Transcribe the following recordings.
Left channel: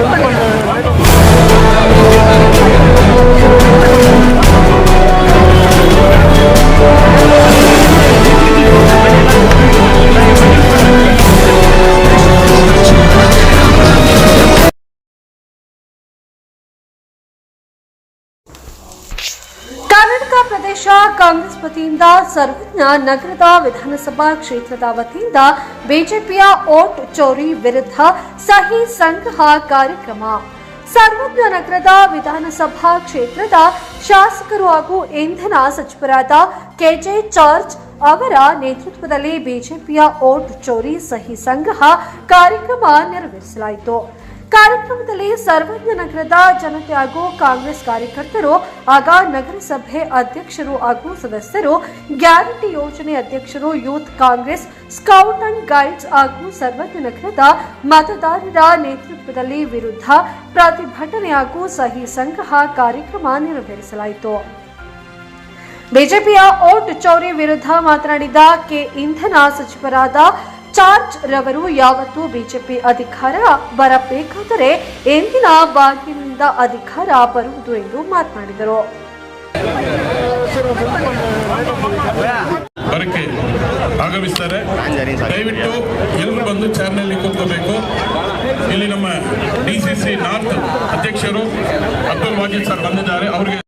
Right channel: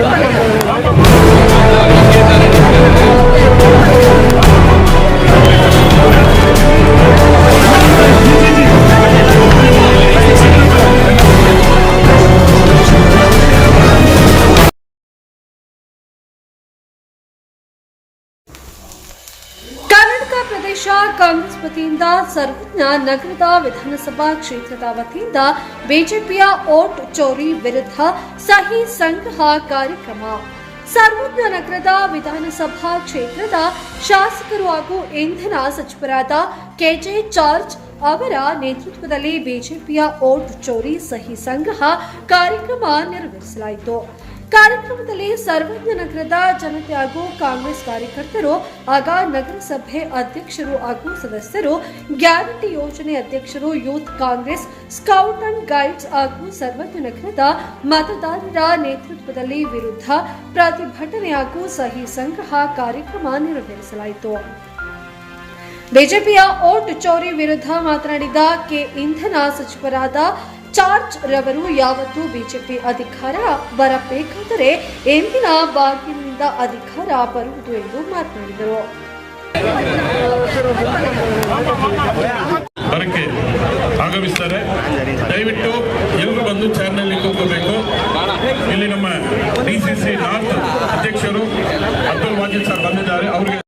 Thank you. Congress ವತಿಯಿಂದ ಸರ್ವಜ್ಞ ನಗರದ ವಿಧಾನಸಭಾ ಕ್ಷೇತ್ರದ ವತಿಯಿಂದ ಬಿಜೆಪಿಯ ಓಟ್ ಚೋರಿ ವಿರುದ್ಧ ಸಹಿ ಸಂಗ್ರಹ ಕಾರ್ಯಕ್ರಮ. ಸರ್ವಜ್ಞ ನಗರದ ವಿಧಾನಸಭಾ ಕ್ಷೇತ್ರದ ಶಾಸಕರು ಹಾಗೂ ಇಂಧನ ಸಚಿವರಾದ ಕೆಜೆ ಜಾರ್ಜ್ ಅವರ ನೇತೃತ್ವದಲ್ಲಿ ಬಿಜೆಪಿಯ ಓಟ್ ಚೋರಿ ಸಹಿ ಸಂಗ್ರಹ ಕಾರ್ಯಕ್ರಮ ನೆರವೇರಿಸಲಾಯಿತು. ಕಾರ್ಯಕ್ರಮದಲ್ಲಿ ಸರ್ವಜ್ಞ ನಗರದ ಜನತೆ ಹಾಗೂ ಕಾಂಗ್ರೆಸ್ ಕಾರ್ಯಕರ್ತರು ಆಗ ನಗರಸಭೆ ಅಧ್ಯಕ್ಷರು ಹಾಗೂ ಸದಸ್ಯರು, ಗ್ಯಾರಂಟಿ ಯೋಜನೆ ಅಧ್ಯಕ್ಷರು, youth Congress scout and guides ಹಾಗೂ ಸರ್ವಜ್ಞ ನಗರದ ಮತದಾರರ ನೇತೃತ್ವದಲ್ಲಿ ವಿರುದ್ಧ ಪ್ರತಿಭಟನೆ ಹಾಗೂ ಸಹಿ ಸಂಗ್ರಹ ಕಾರ್ಯಕ್ರಮ ನೆರವೇರಿಸಲಾಯಿತು. ಬಿಜೆಪಿಯ ಓಟ್ ಚೌರಿ ವಿರುದ್ಧ ಮಾತನಾಡಿದ ಕೆ. ಇಂಧನ ಸಚಿವರಾದ ಚಾರ್ಜ್ ರವರು ಯಾವತ್ತೂ ಬಿಜೆಪಿ ಅಧಿಕಾರ ಬರಬೇಕಾದರೆ ಎಂದಿನ ಬಾಗಿಲಿನಿಂದ ಅಧಿಕಾರ ಬರುವುದು ಎಂದು ಮಾತನಾಡಿದರು. ಬರಕ್ಕೆ ಆಗಮಿಸ್ತಾರೆ. ದಯವಿಟ್ಟು ಎಲ್ಲರೂ ಬಂದು ಚಾರ್ನಲ್ಲಿ ಕೂತ್ಕೋಬೇಕು. ಇಲ್ಲಿ ನಮ್ಮ ಡಿ ಸಿ ಸಿ ನಾರ್ತ್ ಅಧ್ಯಕ್ಷರು, ಅಬ್ದುಲ್ ವಾಜಿದ್ ಸರ್ ಬಂದಿದ್ದಾರೆ. ಅವರಿಗೆ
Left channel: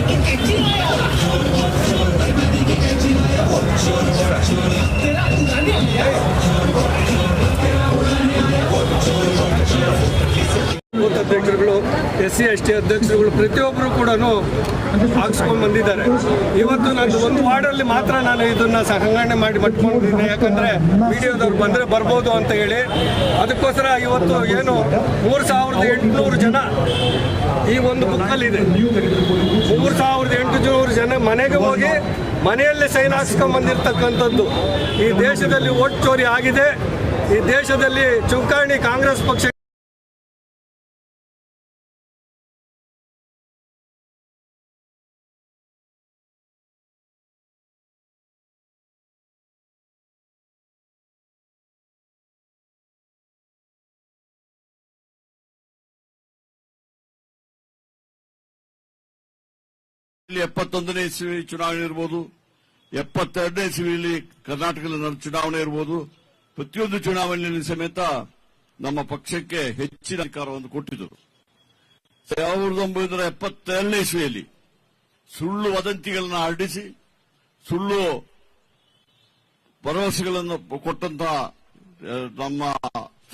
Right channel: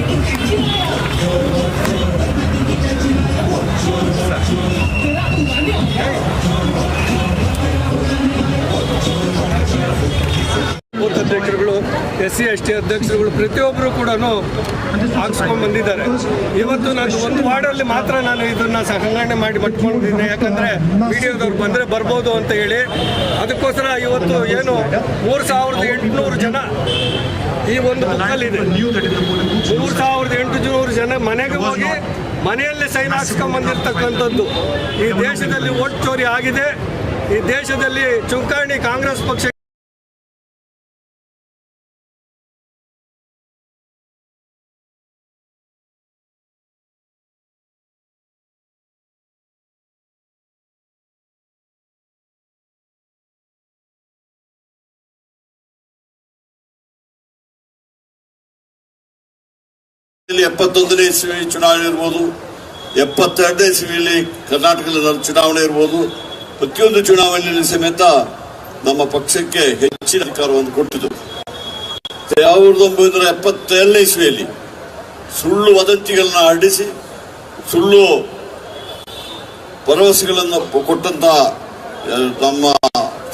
ಅಧ್ಯಕ್ಷರುಗಳು ಎಸ್ ಸಿ ಎಸ್ ಟಿ ಅಧ್ಯಕ್ಷರುಗಳು ಪ್ರತಿಯೊಬ್ಬರು ಕೂಡ ಹಾಕ್ಸ್ಕೊಂಡ್ ಬಂದಿದ್ದಾರೆ. ಇವತ್ತು ನಾನು ಒಂದು ವಾರ್ಡಲ್ಲಿ ಮಾತ್ರ ನಾನು ಇದನ್ನ ಸಂಘಟನೆ ಮಾಡಿ ಮಟ್ಕೊಂಡಿದ್ದೀನಿ. ಯಾಕಂದ್ರೆ ವಿಡಿಯೋದವ್ರು ಬಂದ್ರೆ ಬರ್ಬೋದು ಅಂತ ಹೇಳಿ. ಅದಕ್ಕೋಸ್ಕರ ಇವತ್ತು ಏನು ಮೂರು ಸಾವಿರದ ಎಂಟುನೂರು ಜನ ಈ ಒಂದು ಬುಕ್ಕಲ್ಲಿದೆ. ಮೂರು ಸಾವಿರದ ಎಂಟುನೂರು ಜನ ಮನೆಗೆ ಹೋಗಿ ಮನೆಯಲ್ಲೇ ಸೈನ್ ಹಾಕ್ಸ್ಕೊಂಡ್ ಬಂದಿರತಕ್ಕಂಥದ್ದು. ಈ ದೇಶದಲ್ಲಿ ಓಟ್ ಚೋರಿ ಆಗಿದೆ. ಈ ದೇಶದಲ್ಲಿ ಚುಂಕಾಣಿ ಕಾಂಗ್ರೆಸ್ ಪಕ್ಷ ಎಪ್ಪತ್ತೊಂದನೇ ಇಸ್ವಿ ಚುನಾವಣೆ ಇರ್ಬೋದು ಎಪ್ಪತ್ತೆರಡನೇ ಇಸ್ವಿಯಲ್ಲಿ ಕರ್ನಾಟಕದ ಚುನಾವಣೆ ಇರ್ಬೋದು. ಪ್ರತಿಯೊಂದು ಚುನಾವಣೆಯಲ್ಲಿ ಸಮೇತ ನಮ್ಮ ಪಕ್ಷಕ್ಕೆ ಹೆಚ್ಚಿನ ಅಧಿಕಾರವನ್ನು ಕೊಟ್ಟಿದ್ದು. ಸಾವಿರದ ಒಂಬೈನೂರ ಎಪ್ಪತ್ತೆರಡನೇ ಇಸ್ವಿಯಲ್ಲಿ ಸುಳ್ಳು ವದಂತಿಗಳನ್ನ ಹರಡಿಸಿ ಸುಳ್ಳು ಭರವಸೆಗಳನ್ನು ಕೊಟ್ಟಂತ ಆ, ನಮ್ಮ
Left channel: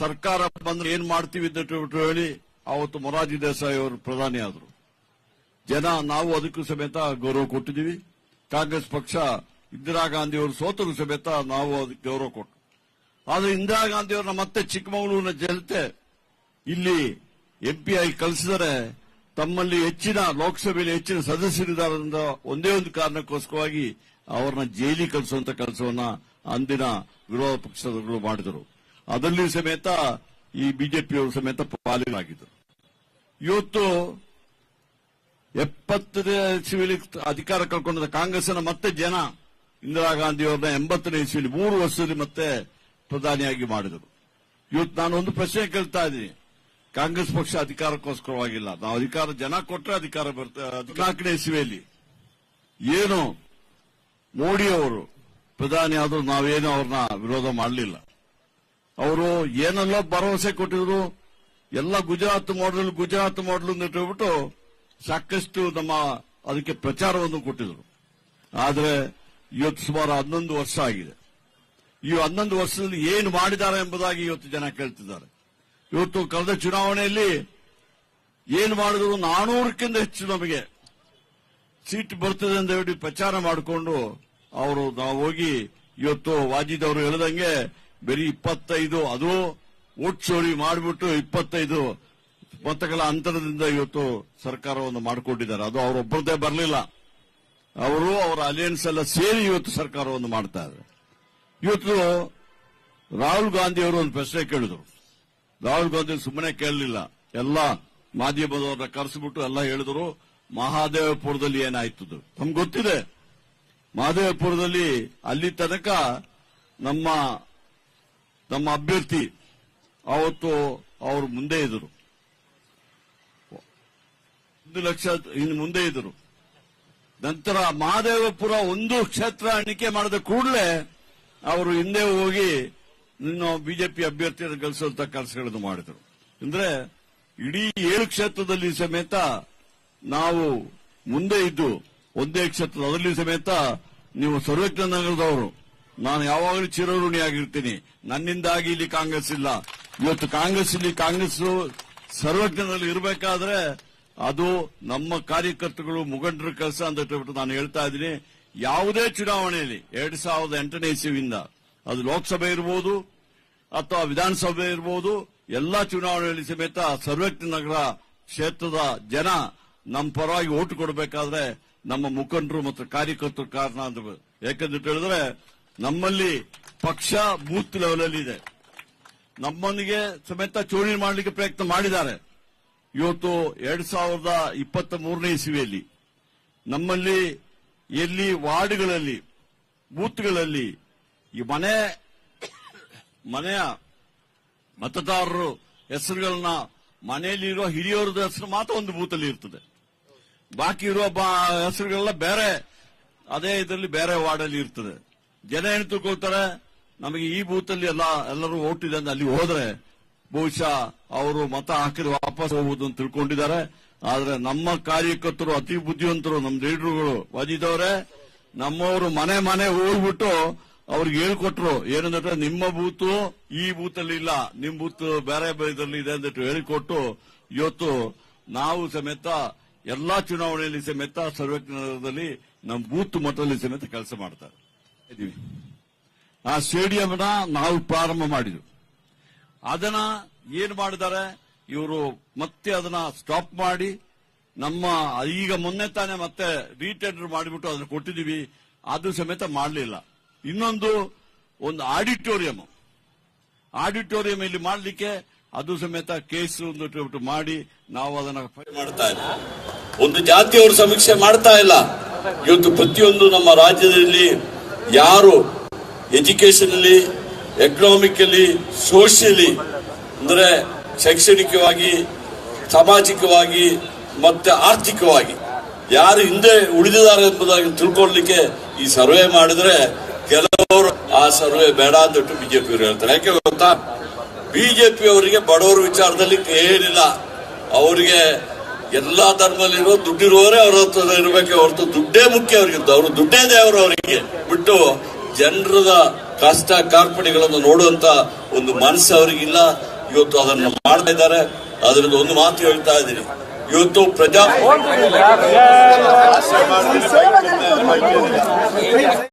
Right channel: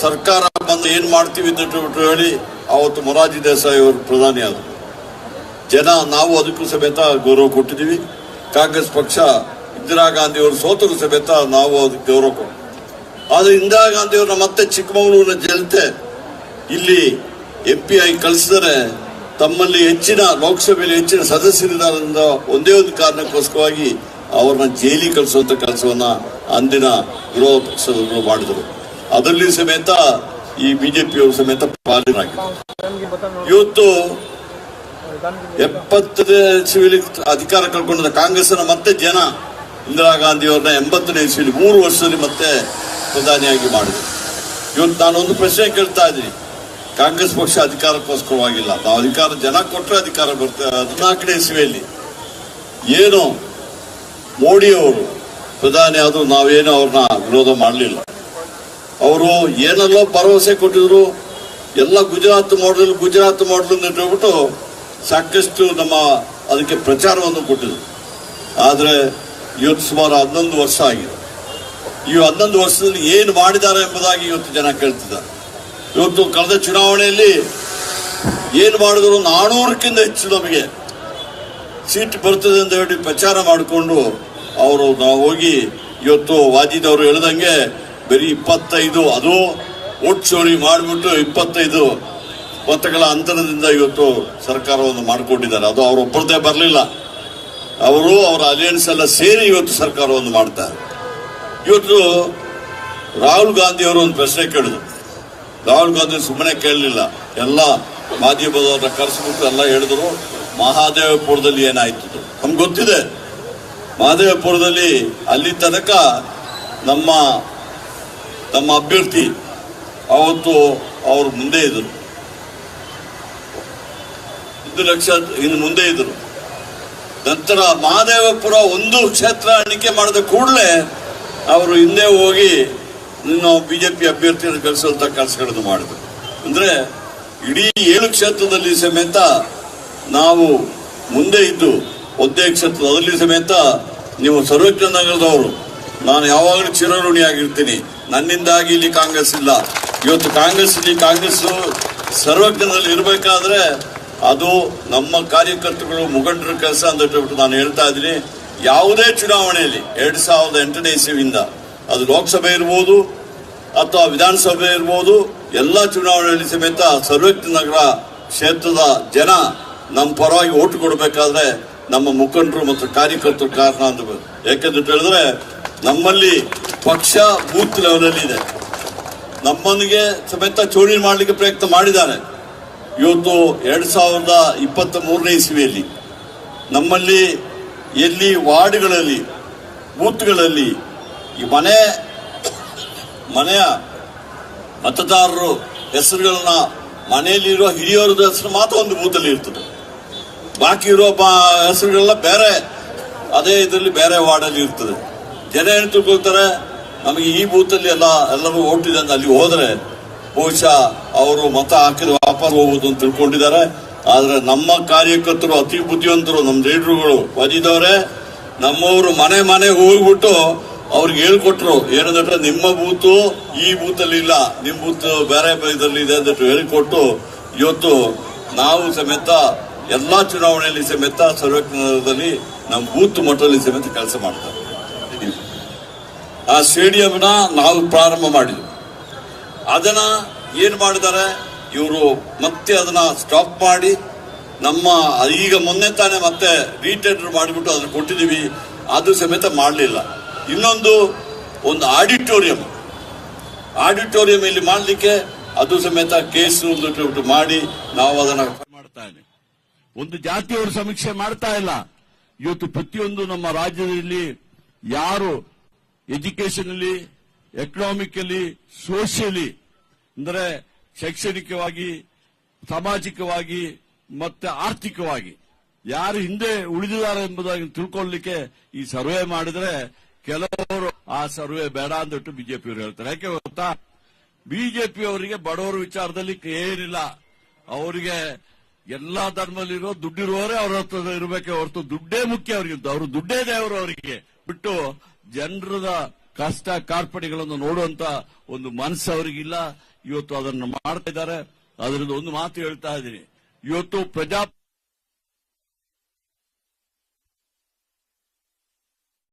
ಸರ್ಕಾರ ಬಂದು ಏನ್ ಮಾಡ್ತೀವಿ ಅಂತ ಹೇಳಿ ಅವತ್ತು ಮೊರಾಜಿ ದೇಸಾಯಿ ಅವರು ಪ್ರಧಾನಿ ಆದರು. ಜನ, ನಾವು ಅದಕ್ಕೂ ಸಮೇತ ಗೌರವ ಕೊಟ್ಟಿದ್ದೀವಿ. ಕಾಂಗ್ರೆಸ್ ಪಕ್ಷ ಇಂದಿರಾ ಗಾಂಧಿ ಅವರು ಸೋತರು ಸಮೇತ ನಾವು ಅದಕ್ಕೆ ಗೌರವ ಕೊಟ್ಟು ಆದ್ರೆ ಇಂದಿರಾ ಗಾಂಧಿ ಅವರ ಮತ್ತೆ ಚಿಕ್ಕಮಗಳೂರಿನ ಜನತೆ ಇಲ್ಲಿ ಎಂ ಪಿ ಐ ಕಳಿಸಿದರೆ ತಮ್ಮಲ್ಲಿ ಹೆಚ್ಚಿನ ಲೋಕಸಭೆಯಲ್ಲಿ ಹೆಚ್ಚಿನ ಸದಸ್ಯರಿದ್ದಾರೆ ಒಂದೇ ಒಂದು ಕಾರಣಕ್ಕೋಸ್ಕರವಾಗಿ ಅವರನ್ನ ಜೈಲಿ ಕಳಿಸುವಂತ ಕೆಲಸವನ್ನ ಅಂದಿನ ವಿರೋಧ ಪಕ್ಷದವರು ಮಾಡಿದರು. ಅದರಲ್ಲಿ ಸಮೇತ ಈ ಬಿಜೆಪಿಯವರು ಸಮೇತ ಪಾಲನೆಯಾಗಿದೆ ಇವತ್ತು ಎಪ್ಪತ್ತನೇ ಇಸ್ವಿಲಿ ಅಧಿಕಾರ ಕಳ್ಕೊಂಡಿದ್ದ ಕಾಂಗ್ರೆಸ್ನ ಮತ್ತೆ ಜನ ಇಂದಿರಾ ಗಾಂಧಿಯವ್ರನ್ನ ಎಂಬತ್ತನೇ ಇಸ್ವಿಲಿ ಮೂರು ವರ್ಷದಲ್ಲಿ ಮತ್ತೆ ಪ್ರಧಾನಿಯಾಗಿ ಮಾಡಿದ್ರು. ಇವತ್ತು ನಾನೊಂದು ಪ್ರಶ್ನೆ ಕೇಳ್ತಾ ಇದ್ದೀನಿ. ಕಾಂಗ್ರೆಸ್ ಪಕ್ಷ ಅಧಿಕಾರಕ್ಕೋಸ್ಕರವಾಗಿಲ್ಲ ನಾವು ಅಧಿಕಾರ, ಜನ ಕೊಟ್ಟರೆ ಅಧಿಕಾರ ಬರ್ತೇವೆ ಹದಿನಾಲ್ಕನೇ ಇಸ್ವಿಯಲ್ಲಿ ಏನು ಮೋಡಿ ಅವರು ಪ್ರಧಾನಿ ಆದರೂ ನಾವೇನು ಅವ್ರನ್ನ ವಿರೋಧ ಮಾಡಲಿಲ್ಲ. ಅವರು ಏನಲ್ಲೋ ಭರವಸೆ ಕೊಟ್ಟಿದ್ರು. ಎಲ್ಲ ಗುಜರಾತ್ ಮಾಡಲು ಗುಜರಾತ್ ಮಾಡಲು ಅಂತ ಹೇಳ್ಬಿಟ್ಟು ಸಾಕಷ್ಟು ನಮ್ಮ ಅದಕ್ಕೆ ಪ್ರಚಾರವನ್ನು ಕೊಟ್ಟಿದ್ರು. ಆದರೆ ಇವತ್ತು ಸುಮಾರು ಹನ್ನೊಂದು ವರ್ಷ ಆಗಿದೆ. ಈ ಹನ್ನೊಂದು ವರ್ಷದಲ್ಲಿ ಏನು ಮಾಡಿದ್ದಾರೆ ಎಂಬುದಾಗಿ ಇವತ್ತು ಜನ ಕೇಳ್ತಿದ್ದಾರೆ. ಇವತ್ತು ಕಳೆದ ಚುನಾವಣೆಯಲ್ಲಿ ಏನು ಮಾಡಿದ್ರು ನಾನೂರಕ್ಕಿಂತ ಹೆಚ್ಚು ನಮಗೆ ಸೀಟ್ ಬರ್ತದೆ ಅಂತ ಹೇಳಿ ಪ್ರಚಾರ ಮಾಡಿಕೊಂಡು ಅವರು ನಾವು ಹೋಗಿ ಇವತ್ತು ವಾಜಿದವರು ಹೇಳ್ದಂಗೆ, ಬರೀ ಇಪ್ಪತ್ತೈದು, ಅದು ಓಟ್ ಚೋರಿ ಮಾಡಿಬಿಟ್ಟು ಇಪ್ಪತ್ತೈದು ಮತಗಳ ಅಂತರದಿಂದ ಇವತ್ತು ಸರ್ಕಾರವನ್ನು ಮಾಡಿಕೊಂಡಿದ್ದಾರೆ. ಅದು ಅವರೊಬ್ಬರದೇ ಬರಲಿಲ್ಲ. ಅವರು ಅವರ ಅಲಯನ್ಸ್ ಎಲ್ಲ ಸೇರಿ ಇವತ್ತು ಸರ್ಕಾರವನ್ನು ಮಾಡ್ತಾರೆ. ಇವತ್ತು ರಾಹುಲ್ ಗಾಂಧಿ ಅವರು ಒಂದು ಪ್ರಶ್ನೆ ಕೇಳಿದ್ರು. ರಾಹುಲ್ ಗಾಂಧಿ ಸುಮ್ಮನೆ ಕೇಳಲಿಲ್ಲ. ಎಲ್ಲ ಮಾಧ್ಯಮದವ್ರನ್ನ ಕರೆಸ್ಬಿಟ್ಟು ಎಲ್ಲ ಹೇಳಿದ್ರು, ಮಹಾದೇವಪುರದಲ್ಲಿ ಏನಾಯ್ತು? ನಮ್ಗೆ ಗೊತ್ತಿದೆ. ಮಹಾದೇವಪುರದಲ್ಲಿ ಅಲ್ಲಿ ತನಕ ನಮ್ಮ ನಮ್ಮ ಅಭ್ಯರ್ಥಿ ಅವತ್ತು ಅವರು ಮುಂದೆ ಇದ್ದರು ಒಂದು ಲಕ್ಷ ಇನ್ನು ಮುಂದೆ ಇದ್ದರು ನಂತರ ಮಹಾದೇವಪುರ ಒಂದು ಕ್ಷೇತ್ರ ಎಣಿಕೆ ಮಾಡಿದ ಕೂಡಲೇ ಅವರು ಹಿಂದೆ ಹೋಗಿ ನಾವು ಬಿಜೆಪಿ ಅಭ್ಯರ್ಥಿಯನ್ನು ಕಳಿಸುವಂತ ಕೆಲಸಗಳನ್ನು ಮಾಡಿದ್ರು. ಅಂದ್ರೆ ಇಡೀ ಏಳು ಕ್ಷೇತ್ರದಲ್ಲಿ ಸಮೇತ ನಾವು ಮುಂದೆ ಇದ್ದು ಒಂದೇ ಕ್ಷೇತ್ರ ಅದರಲ್ಲಿ ಸಮೇತ ನೀವು ಸರ್ವಜ್ಞ ನಗರದವರು. ನಾನು ಯಾವಾಗಲೂ ಚಿರಋಣಿಯಾಗಿರ್ತೀನಿ ನನ್ನಿಂದಾಗಿ ಇಲ್ಲಿ ಕಾಂಗ್ರೆಸ್ ಇಲ್ಲ. ಇವತ್ತು ಕಾಂಗ್ರೆಸ್ ಇಲ್ಲಿ ಕಾಂಗ್ರೆಸ್ ಸರ್ವಜ್ಞನಲ್ಲಿ ಇರಬೇಕಾದ್ರೆ ಅದು ನಮ್ಮ ಕಾರ್ಯಕರ್ತರು ಮುಖಂಡರ ಕೆಲಸ ಅಂತ ಹೇಳ್ಬಿಟ್ಟು ನಾನು ಹೇಳ್ತಾ ಇದ್ದೀನಿ. ಯಾವುದೇ ಚುನಾವಣೆಯಲ್ಲಿ ಎರಡ್ ಸಾವಿರದ ಎಂಟನೇ ಇಸವಿಯಿಂದ ಅದು ಲೋಕಸಭೆ ಇರ್ಬೋದು ಅಥವಾ ವಿಧಾನಸಭೆ ಇರ್ಬೋದು, ಎಲ್ಲ ಚುನಾವಣೆಯಲ್ಲಿ ಸಮೇತ ಸರ್ವಜ್ಞ ನಗರ ಕ್ಷೇತ್ರದ ಜನ ನಮ್ಮ ಪರವಾಗಿ ಓಟು ಕೊಡಬೇಕಾದ್ರೆ ನಮ್ಮ ಮುಖಂಡರು ಮತ್ತು ಕಾರ್ಯಕರ್ತರು ಕಾರಣ ಅಂತ ಯಾಕೆಂದ್ರೆ ಹೇಳಿದ್ರೆ ನಮ್ಮಲ್ಲಿ ಪಕ್ಷ ಬೂತ್ ಲೆವೆಲ್ ಇದೆ. ನಮ್ಮನಿಗೆ ಸಮೇತ ಚೋರಿ ಮಾಡಲಿಕ್ಕೆ ಪ್ರಯತ್ನ ಮಾಡಿದ್ದಾರೆ. ಇವತ್ತು ಎರಡು ಸಾವಿರದ ಇಪ್ಪತ್ತ ಮೂರನೇ ಇಸ್ವಿಯಲ್ಲಿ ನಮ್ಮಲ್ಲಿ ಎಲ್ಲಿ ವಾರ್ಡ್ಗಳಲ್ಲಿ, ಬೂತ್ಗಳಲ್ಲಿ ಈ ಮನೆ, ಮನೆಯ ಮತದಾರರು ಹೆಸರುಗಳನ್ನ ಮನೆಯಲ್ಲಿರುವ ಹಿರಿಯವರ ಹೆಸರು ಮಾತ್ರ ಒಂದು ಬೂತಲ್ಲಿ ಇರ್ತದೆ. ಬಾಕಿ ಇರುವ ಹೆಸರುಗಳೆಲ್ಲ ಬೇರೆ, ಅದೇ ಇದರಲ್ಲಿ ಬೇರೆ ವಾರ್ಡಲ್ಲಿ ಇರ್ತದೆ. ಜನ ಏನು ತಿಳ್ಕೊಳ್ತಾರೆ, ನಮಗೆ ಈ ಬೂತಲ್ಲಿ ಎಲ್ಲ ಎಲ್ಲರೂ ಓಟಿದೆ ಅಂತ ಅಲ್ಲಿ ಹೋದ್ರೆ ಬಹುಶಃ ಅವರು ಮತ ಹಾಕಿದ್ರು ವಾಪಸ್ ಹೋಗುವುದು ಅಂತ ತಿಳ್ಕೊಂಡಿದ್ದಾರೆ. ಆದ್ರೆ ನಮ್ಮ ಕಾರ್ಯಕರ್ತರು, ಅತಿ ಬುದ್ಧಿವಂತರು, ನಮ್ಮ ಲೀಡರ್ಗಳು ಬಂದಿದ್ದವ್ರೆ ನಮ್ಮವರು ಮನೆ ಮನೆ ಹೋಗ್ಬಿಟ್ಟು ಅವ್ರಿಗೆ ಹೇಳ್ಕೊಟ್ರು. ಏನಂದ್ರೆ ನಿಮ್ಮ ಬೂತು ಈ ಬೂತಲ್ಲಿ ಇಲ್ಲ, ನಿಮ್ಮ ಬೂತ್ ಬೇರೆ ಇದರಲ್ಲಿ ಇದೆ ಅಂತ ಹೇಳಿಕೊಟ್ಟು ಇವತ್ತು ನಾವು ಸಮೇತ ಎಲ್ಲಾ ಚುನಾವಣೆಯಲ್ಲಿ ಸಮೇತ ಸರ್ವಜ್ಞದಲ್ಲಿ ನಮ್ಮ ಬೂತ್ ಮಟ್ಟದಲ್ಲಿ ಸಮೇತ ಕೆಲಸ ಮಾಡ್ತಾರೆ. ಆ ಸ್ಟೇಡಿಯಂನ ನಾವು ಪ್ರಾರಂಭ ಮಾಡಿದ್ವಿ. ಅದನ್ನ ಏನ್ ಮಾಡಿದ್ದಾರೆ? ಇವರು ಮತ್ತೆ ಅದನ್ನ ಸ್ಟಾಪ್ ಮಾಡಿ ನಮ್ಮ, ಈಗ ಮೊನ್ನೆ ತಾನೇ ಮತ್ತೆ ರೀಟೆಂಡರ್ ಮಾಡಿಬಿಟ್ಟು ಅದನ್ನ ಕೊಟ್ಟಿದ್ದೀವಿ ಅದು ಸಮೇತ ಮಾಡಲಿಲ್ಲ. ಇನ್ನೊಂದು ಒಂದು ಆಡಿಟೋರಿಯಂ ಆಡಿಟೋರಿಯಂ ಇಲ್ಲಿ ಮಾಡಲಿಕ್ಕೆ ಅದು ಸಮೇತ ಕೇಸು ಮಾಡಿ ನಾವು ಅದನ್ನ ಮಾಡ್ತಾ ಇದ್ದೀವಿ ಒಂದು ಜಾತಿಯವರು ಸಮೀಕ್ಷೆ ಮಾಡ್ತಾ ಇಲ್ಲ. ಇವತ್ತು ಪ್ರತಿಯೊಂದು ನಮ್ಮ ರಾಜ್ಯದಲ್ಲಿ ಯಾರು ಎಜುಕೇಶನ್ ಅಲ್ಲಿ ಎಕನಾಮಿಕಲಿ ಸೋಷಿಯಲಿ ಅಂದರೆ ಶೈಕ್ಷಣಿಕವಾಗಿ, ಸಾಮಾಜಿಕವಾಗಿ, ಮತ್ತೆ ಆರ್ಥಿಕವಾಗಿ. ಯಾರು ಹಿಂದೆ ಉಳಿದಿದ್ದಾರೆ ಎಂಬುದಾಗಿ ತಿಳ್ಕೊಳ್ಳಿಕ್ಕೆ ಈ ಸರ್ವೆ ಮಾಡಿದ್ರೆ ಕೆಲವರು ಆ ಸರ್ವೆ ಬೇಡ ಅಂತ ಬಿಜೆಪಿ ಹೇಳ್ತಾರೆ. ಯಾಕೆ ಗೊತ್ತಾ? ಬಿಜೆಪಿ ಅವರಿಗೆ ಬಡವರ ವಿಚಾರದಲ್ಲಿ ಏನಿಲ್ಲ. ಅವರಿಗೆ ಎಲ್ಲಾ ಧರ್ಮದಲ್ಲಿರುವ ದುಡ್ಡಿರುವವರೇ ಅವ್ರ ಹತ್ರ ಇರಬೇಕೆ ಹೊರತು ದುಡ್ಡೇ ಮುಖ್ಯ ಅವರಿಗೆ ಅವರು ದುಡ್ಡೇ ದೇವರು ಅವರಿಗೆ. ಬಿಟ್ಟು ಜನರದ ಕಷ್ಟ ಕಾರ್ಪಣ್ಯಗಳನ್ನು ನೋಡುವಂತ ಒಂದು ಮನಸ್ಸು ಅವರಿಗಿಲ್ಲ. ಇವತ್ತು ಅದನ್ನು ಮಾಡ್ತಾ ಇದ್ದಾರೆ. ಅದರಿಂದ ಒಂದು ಮಾತು ಹೇಳ್ತಾ ಇದ್ದೀನಿ. ಇವತ್ತು ಪ್ರಜಾ